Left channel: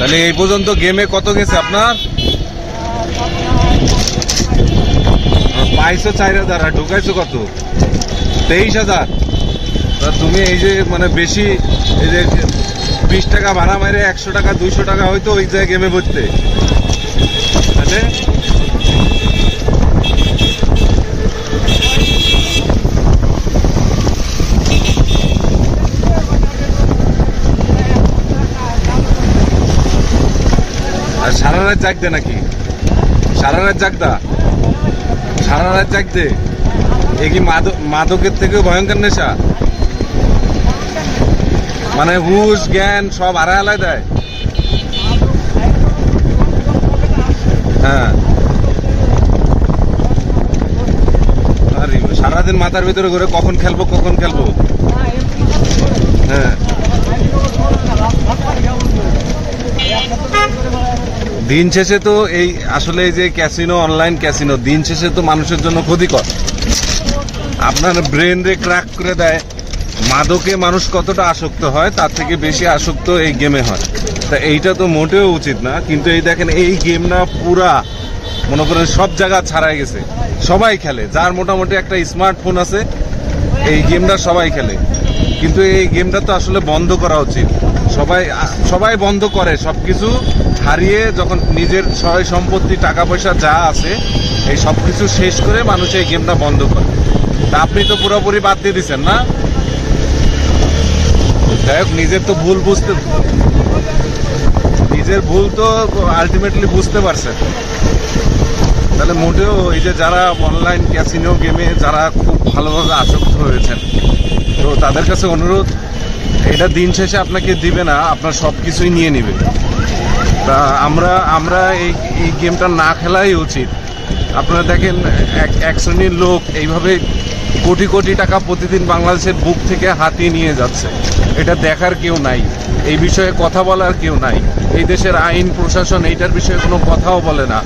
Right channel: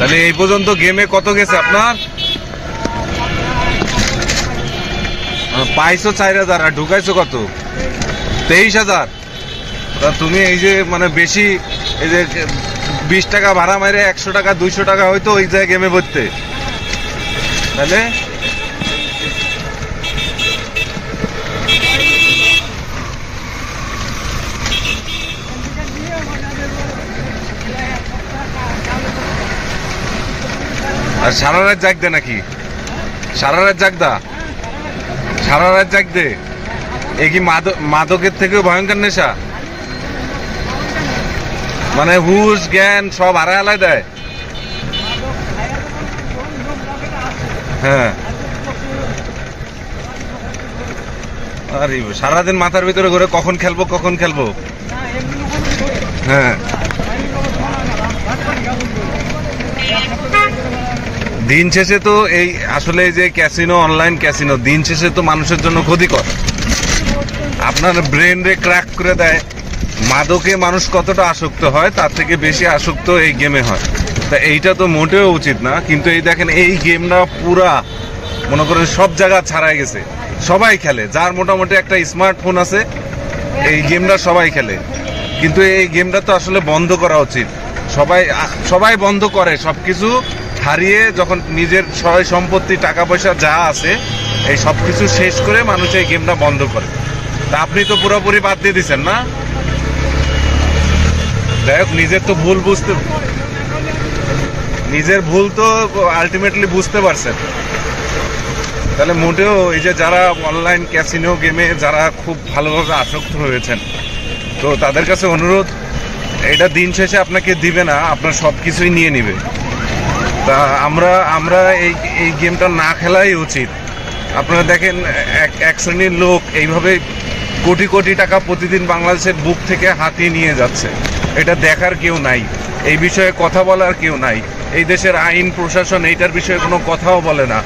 তাহলে এই পর্যন্ত গেমে কত গেছে আপনার? পাইছো 4,000 আর ঢুকাইছো কত? 23,000। তা তুমি এই যে মানে বেশি এই যে 20 টাকা ভাড়া মারে 100 টাকা 200 টাকা হয়তো ওই জায়গায় গেমে বসতে, তাহলে আর সারা রাত জাগদে নাকি? সারা রাত জাগদা? সারা রাত জাগদে? এ কি মাদকের থেকেও ভয়ঙ্কর নেশা? মানে হুশ জ্ঞান সব হারায় দেয়। হ্যাঁ, আরে সারাদিন মাথার ভিতরে ঘুরে কখন খেলবো কখন খেলবো। হ্যাঁ, দিন শেষে তো এই আসলে এই যে ক্যাসিনো, অনলাইন ক্যাসিনো দিন শেষে তো মানুষের জন্য ক্ষতিকর। আপনার ব্রেন রে ক্র্যাক করে দেয়। মাদকে মানুষ কতটা আসক্ত হয় তার থেকে বেশি আসক্ত এই গেমে হয়। তা এইটা তো মোটেও উচিত না। কিন্তু এই দেখেন এই গেমটা পুরা মনে করেন সব জায়গা ছাড়াই গেছে, সবাই খেলে। যার মোটামুটি একটা স্মার্টফোন আছে এই গেমটা সবাই খেলে। কিন্তু এই গেমটা তো আসলে বন্ধ করা উচিত। সবাই বন্ধ করে, সবকিছু হারিয়ে যখন নিজের সয় সম্পত্তি টাকা পয়সা যা আছে এই সবকিছু শেষ করে মানুষ এই গেমটা বন্ধ করে। তা আপনি তো পুরোপুরি বাদ দিয়ে দিচ্ছেন না? যাই হোক, নিজের ভুল তো আলটিমেটলি বুঝতে পারছেন। তাহলে মোটেও এই যে যারা অনলাইন ক্যাসিনো গেমে যারা খুব ভালোভাবে আসক্ত হয়েছেন, তো তাদের কাছে অনুরোধ, এটা দিন শেষে আপনাকে দিবে না, আপনার সব কিছুই নিয়ে নিবে। তা আমরা এই গেমটা না খেলাই উচিত। আপনারা দেখেন এক শ্রেণীর লোক এইভাবে কোটি কোটি টাকা প্রতিদিন বাংলাদেশের বুক থেকে হাতিয়ে নিয়ে যাচ্ছে। এটা দেখার কেউ নাই, এই বিষয়ে কথা বলার কেউ নাই। এই দেশের আইন প্রশাসন এইটার বিষয়ে কোনো কথাও বলে না।